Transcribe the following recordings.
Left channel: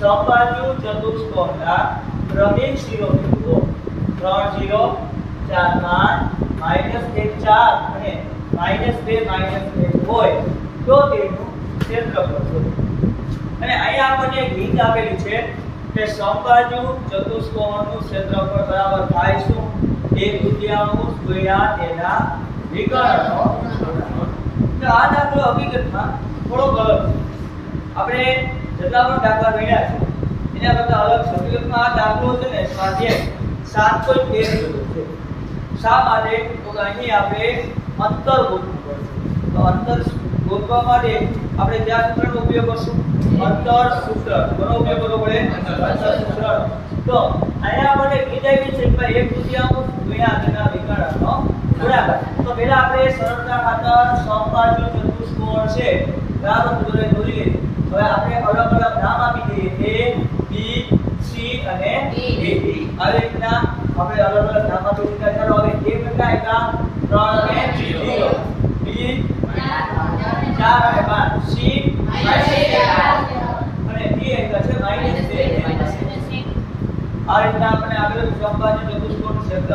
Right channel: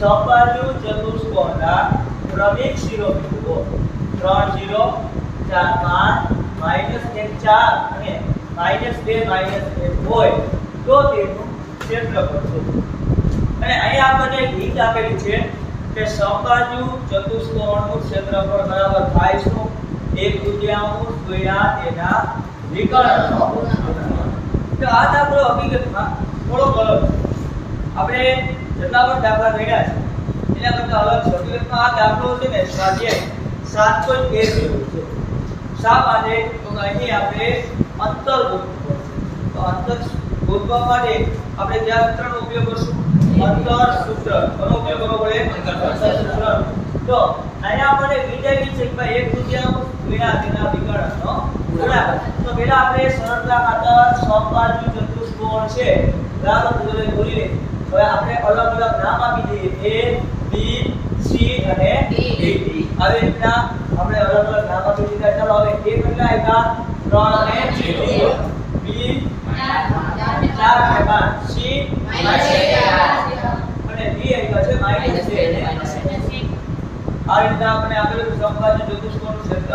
સબાજુ ચતુષ્કોણના ક્રમિક શિરોબિંદુઓ 3 0 4 5 -1 4 અને -2 -1 હોય તો તેનું ક્ષેત્રફળ શોધો. અને અહીંયા આપણને એક રીત આપેલી છે કે સમબાજુ ચતુષ્કોણનું ક્ષેત્રફળ બરાબર થાય શું 1/2 ગુણ્યા તેના વિકર્ણનો ગુણાકાર. તો આ દાખલો હકીકતમાં થોડો અલગ આપણે જેટલા પણ દાખલા રહ્યા છે એના કરતા અલગ છે. હકીકતમાં આ દાખલો છે ને સ્વાધ્યાય 7.1 જેવો છે. શા માટે તો અહીં આપણે અંતર ગોતવું પડશે. તો અંતર ગોતવા માટે આપણે કયા સૂત્રનો ઉપયોગ કરશું? અંતર સૂત્ર. કોનો ઉપયોગ કરવો પડે? અંતર સૂત્ર. તો અહીંયા આપણે વિચારી છે કે ભાઈ 1/2 ગુણ્યા તેના વિકર્ણનો ગુણાકાર. તો પહેલા આપણે સરળતા ખાતર સમબાજુ ચતુષ્કોણ છે બરાબર જોડે દોરી લઈએ. હવે આપણે અલગ અલગ નામ આપી દઈએ A B C અને D. આવી રીતના આપણે અલગ અલગ નામ આપી દીધા. ચાલો હવે A કેટલા આપ્યા? 3 અને 0. B 4 અને 5. C અને D આપ્યા છે -2. આ રીતના આપણે આપેલું સમબાજુ ચતુષ્કોણ ક્ષેત્ર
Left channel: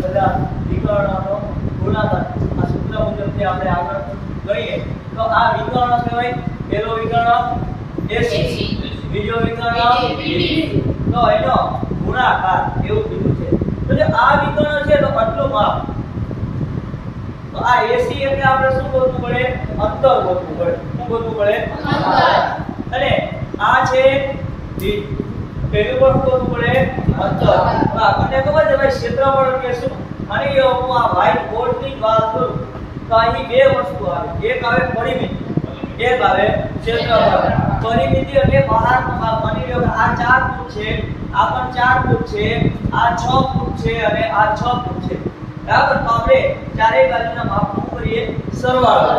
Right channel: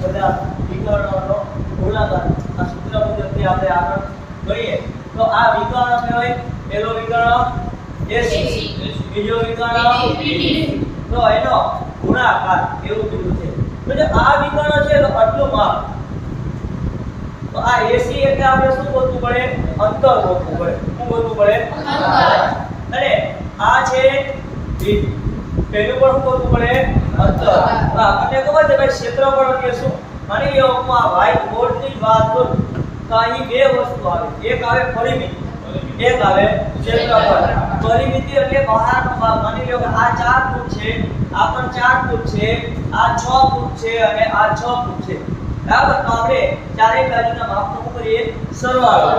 બધા વિકર્ણનો ગુણાકાર આ સૂત્ર મુજબથી આપણે આગળ ગણીએ તો આ વિકર્ણ કહેવાય. પહેલો વિકર્ણ AC, બીજો વિકર્ણ BD. તો એનો ગુણાકાર એવું કીધું છે. તો જો આ વિકર્ણ છે તો આટલું માપ. તો આ AC એટલે આપણે શું ગોતવું પડે? અંતર ગોતવું પડે. શું ગોતવું પડે? અંતર. અને આ છે BD. પહેલું પણ શું ગોતવું પડે? અંતર. આપણને ખબર છે ભાઈ ક્ષેત્રફળ એટલે શું? માની લો હું આ વ્હાઇટ બોર્ડ ની વાત કરું તો અહીં બે વસ્તુ આવે. એક આવે પરિમિતિ, એક આવે ક્ષેત્રફળ. પરિમિતિ એટલે બહારનો ભાગ. માની લો કે આ 4 ફૂટ છે, આ પણ 4 ફૂટ છે, આ 6 ફૂટ છે અને આ 6 ફૂટ છે. બરાબર? તો આપણે ચારેય બાજુના માપનો કરીએ સરવાળો.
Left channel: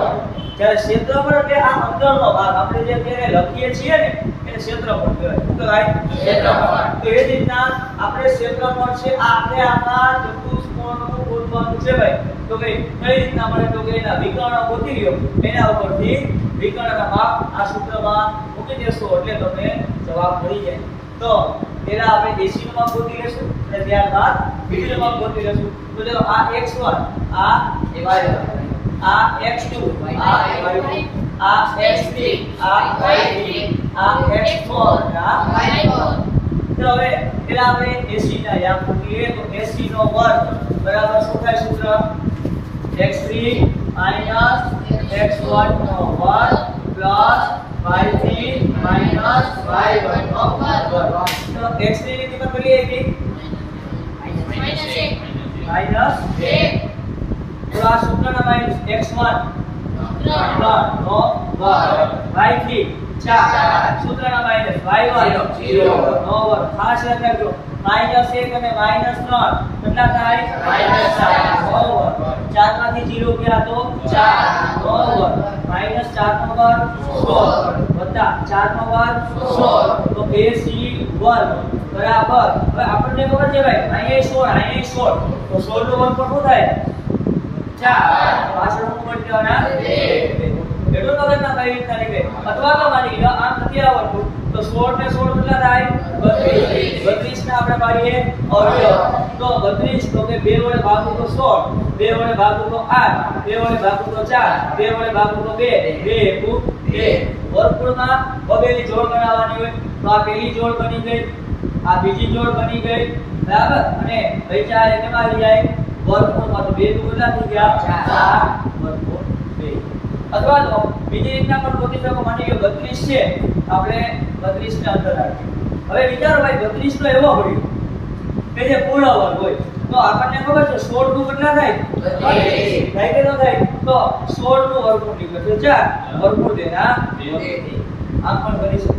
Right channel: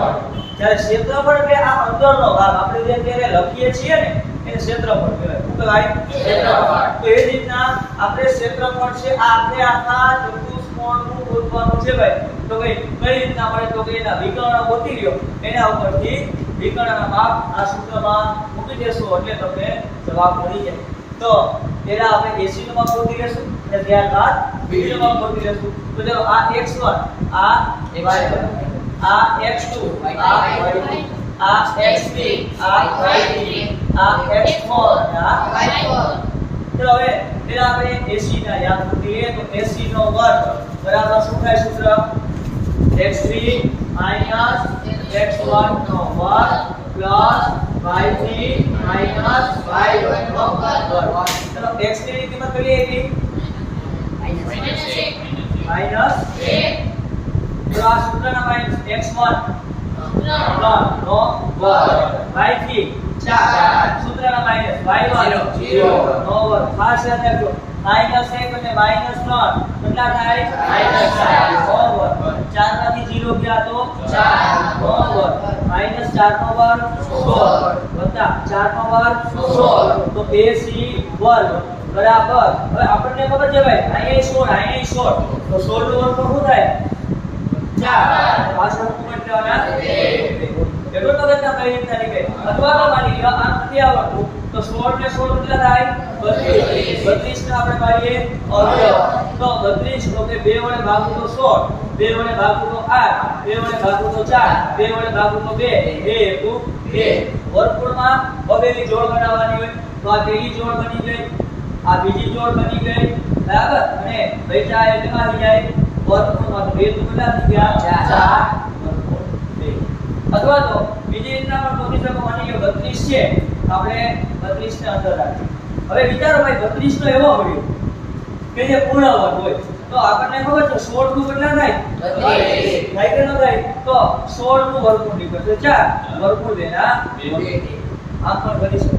જ્યારે ક્ષેત્રફળ એટલે આ અંતરનો ભાગ. આપણે જે અત્યારે લખીએ છીએ ને એને ક્ષેત્રફળ કહેવાય. શું કહેવાય? ક્ષેત્રફળ. તો એ રીતના આપણે ક્ષેત્રફળ છે આ આપણે આખા ચતુષ્કોણનું ગોતવાનું છે ભાઈ. તો કઈ રીતના મળે? તો કે એના વિકર્ણ ગોતી લ્યો, એના ઉપરથી વિકર્ણના માપ આ સૂત્રમાં મૂકી દેશો એટલે તમને જવાબ મળી જાય. તો પહેલા આપણે AC નું માપ ગોતી લેશું અને ત્યારબાદ BD નું માપ ગોતી લેશું. તો ચાલો આ x1 આ y1 આ x2 આ y2 આ x3 આ y3 આ x4 આ y4. ચલો હવે પહેલા આપણે AC ના યાદ કરીએ તો AC નો વર્ગ બરાબર શું થાય સૂત્ર? x3 x1 નો વર્ગ પ્લસ y3 y1 નો વર્ગ. ચલો x3 ની કિંમત કરીએ કે -1. તો આ સૂત્રના માઈનસ x1 નો વર્ગ y3 4 સૂત્રના માઈનસ y1 0 નો વર્ગ. ખાસ યાદ રાખજો -1 અને -3 કેટલા થાય? -4 નો વર્ગ. 4 માંથી 0 ગયા તો 4 નો વર્ગ. -4 નો વર્ગ 16 વત્તા 4 નો વર્ગ 16 તો AC વર્ગ બરાબર. હવે આપણને ખબર છે ભાઈ અહીંયા 16 તો 16 નો વર્ગ શું થાય? 4. પાછળ શું કરવાના? 2. એટલો તો રચના કઈ રીતના નીકળે? અથવા તો માની લો આમ નથી આવડતું તો 16 ને 16 કેટલા થાય? 32. 32 ને આપણે પાડીએ અવયવ. તો 32 તો કે 2 વડે ભાગું તો 16, 2 વડે ભાગું તો 8, 2 વડે ભાગું તો 4, 2 વડે ભાગું તો 2, 2 એકુ 2. વર્ગમૂળમાં બબેલી જોડ બનાવવાની હોય તો આ પહેલી જોડ બની ગઈ, આ બીજી જોડ બની ગઈ બરાબર. અને બચ્ચા એટલેમાં આવી જાય વર્ગમૂળમાં તો 2 દુ કેટલા થઈ ગયા? 4 વર્ગમૂળ 2. અથવા તો બીજી રીતના પણ ગોતી શકો. માની લો 32 છે આપણે 32 ને અંદર રાખીએ. હવે વિચારો ભાઈ 32 નો એવો હોય કે જે પૂર્ણ વર્ગ હોય તો આપણને ખબર છે 16 નું કેટલા થાય? 32. થાય કે ન થાય? તો 16 નું વર્ગમૂળ નીકળશે 4 વર્ગમૂળ 2 ના 2. આમ પણ કરી શકો.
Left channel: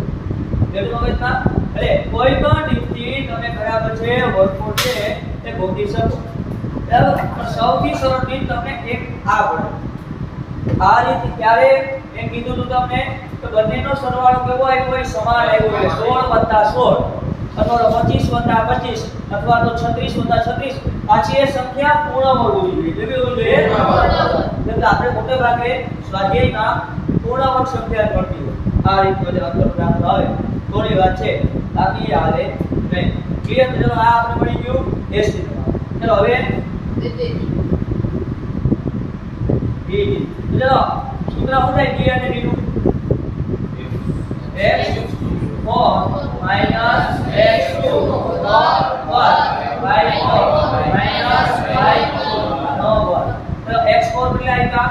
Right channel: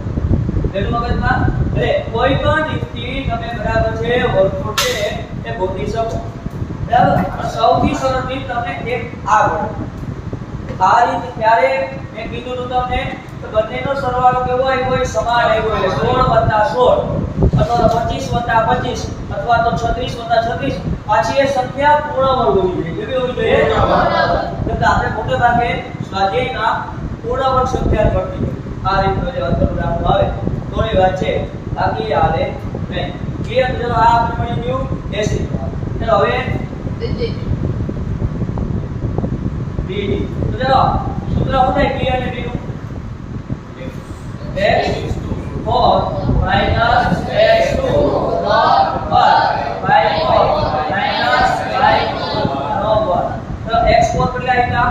એટલું મગજમાં એટલે કોઈ પણ રીતથી તમે બરાબર છે વર્ગમૂળ છે એ ગોતી શકો બરાબર. પણ સૌથી સરળ રીત તમને એક આ પડે. આ રીત ક્યારે મેં કીધું હતું તમને તો બંનેનો સરવાળો કેવો આવ્યો હોય? સમાન આવ્યો એટલે 16 + 16 અથવા તો 25 + 25 અથવા તો 36 + 36. પાછી એ સંખ્યા પૂર્ણ વર્ગ હોવી જોઈએ. કેવી હોવી જોઈએ? પૂર્ણ વર્ગ. એટલે આપણે મોટે ભાગે સ્વાધ્યાયમાં પૂર્ણ વર્ગ સંખ્યા મળતી હોય. આ રીતનો જે અંતર દાખલો આવે થોડી વાત છે બાકી હાલે નહીં ક્લિયર તો ચલો આ આપણે મળી ગયું 80 ચલો હવે BD તો ચલો સૂત્ર શું થાય D અને B નું x4 x2 y4 y4 તો x4 કેટલા આવ્યા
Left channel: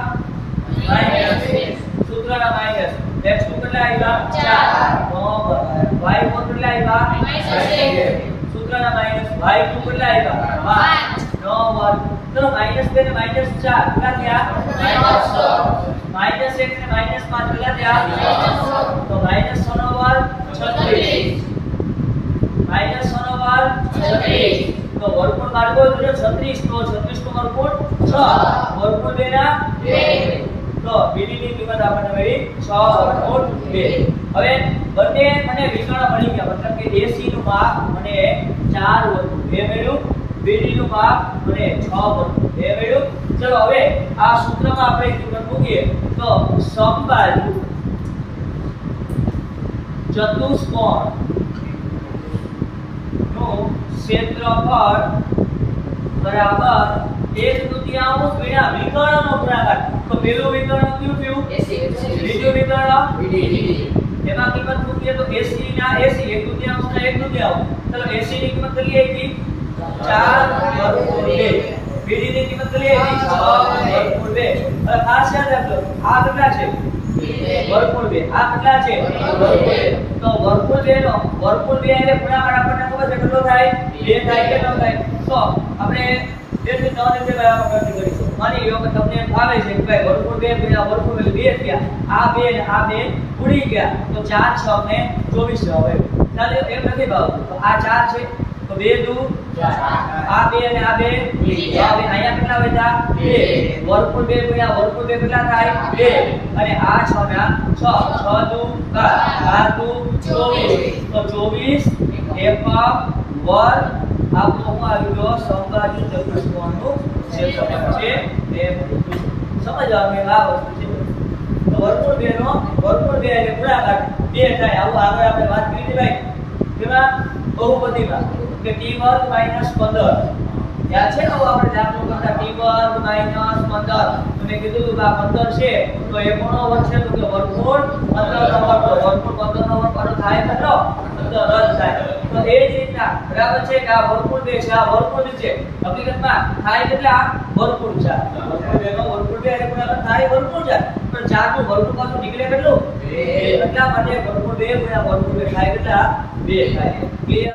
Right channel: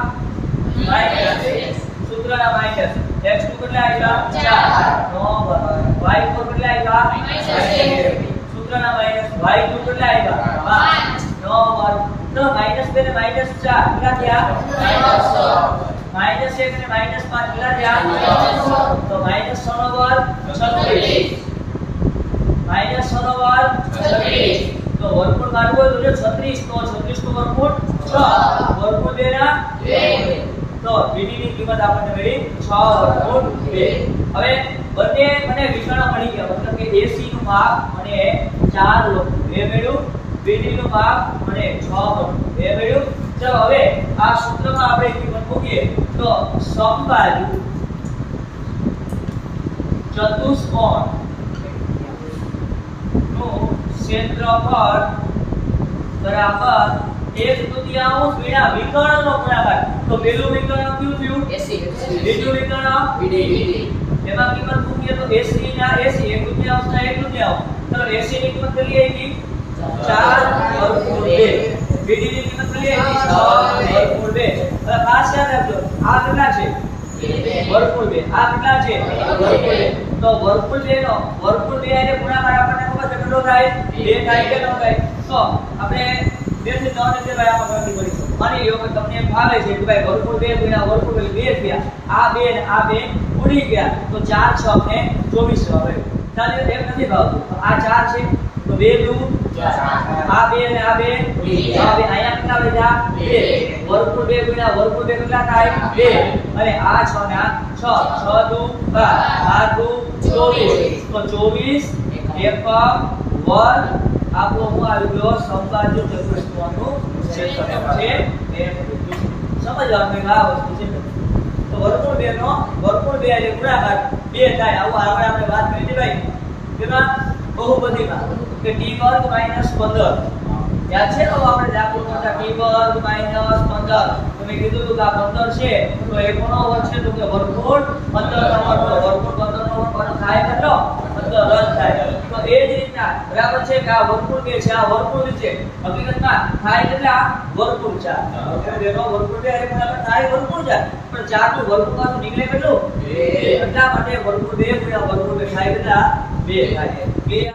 માઈનસ સૂત્રના માઈનસ x2 કેટલા આવ્યા 4 y4 કેટલા આવ્યા સૂત્રના માઈનસ y2 કેટલા આવ્યા 5 તો -2 ને -4 કેટલા થયા -1 અને -5 કેટલા થયા તો -6 નો વર્ગ 36 -6 નો વર્ગ 36 તો વર્ગમૂળ કાઢવો હોય તો જો 36 તો 36 નો વર્ગમૂળ 6 વર્ગમૂળ 2 ના 2 તો BD ની કિંમત આપણને મળી 6 વર્ગમૂળ 2 હવે બંને મને વિકર્ણ મળી ગયા મતલબ કે AC નું માપ મને 4 વર્ગમૂળ 2 મળ્યું BD નું માપ મને 6 વર્ગમૂળ 2 મળ્યું ચલો હવે આ સૂત્રમાં આપણે કિંમત મૂકીએ તો સમબાજુ ચતુષ્કોણ નું ક્ષેત્રફળ બરાબર 1/2 ગુણ્યા વિકર્ણનો ગુણાકાર તો પહેલું વિકર્ણ કયું થયું AC બીજું વિકર્ણ BD એમાં કિંમત મૂકીએ તો AC ના AC 1/2 ના 1/2 ચલો AC ની કિંમત કેટલી આવી 4 વર્ગમૂળ 2 BD ની કિંમત કેટલી આવી 6 વર્ગમૂળ 2 હવે ખાસ યાદ રાખજો આ કેટલા છે વર્ગમૂળ 2 આ કેટલા છે વર્ગમૂળ 2 તો વર્ગમૂળ 2 નો વર્ગમૂળ 2 એટલે ગુણાકાર આપણને ખબર છે કેટલો થાય 2 થાય કેટલો થાય તો આપણે 2 થી 3 રીતે ભાઈ આમાં ગણતરી કરીશું માની લ્યો કે તમને એમ ભાવે છે કે ભાઈ વર્ગમૂળ 2 ગુણ્યા વર્ગમૂળ 2 થયા આ 2 ને આ 2 ઉડી ગયા તો 4 6 ને 24 આવે ચાલો એમ નથી ભાવતું તો આ 4 છે તો 2 દુ 4 આ 2 અને આ 2 હવે અહીંયા કેટલા વધ્યા 2 વર્ગમૂળ 2 ગુણ્યા વર્ગમૂળ 2 કેટલા થાય 2 અને આ 6 ના 6 6 દુ 12 દુ 24 તો 24 એકમ વર્ગ આપો હું આવી ગયો સમબાજુ ચતુષ્કોણનું ક્ષેત્રફળ છે એ સમજવાનું આ વસ્તુ છે તો વર્ગમૂળ 2 નો વર્ગમૂળ 2 એટલે ગુણાકાર 2 થાય આવું આગળ આપણે વાત કરી હતી ભાઈ તેમાં બહુપદીમાં કે t વર્ગ -15 યાદ છે તો આપણે દાખલો કરતા t વર્ગ -15 તમે કીધું હતું કે આ 15 છે તો એ કોનો વર્ગ છે તો કે વર્ગમૂળ 15 નો વર્ગ વર્ગમૂળ 15 નો વર્ગ કોનો થાય મિત્રો 15 રદ થાય તો એ જ રીતના બરાબર છે કે આ વર્ગમૂળ 2 છે આ વર્ગમૂળ છે હકીકતમાં થાય કેટલા વર્ગમૂળ 4 વર્ગમૂળ 2 નો વર્ગમૂળ 2 એટલે બરાબર થાય વર્ગમૂળ 4 પણ 4 નું વર્ગમૂળ પાછું નીકળે કેટલું 2 એટલા માટે વર્ગમૂળ 2 ગુણ્યા વર્ગમૂળ 2 થાય કેટલા 2 થાય ક્લિયર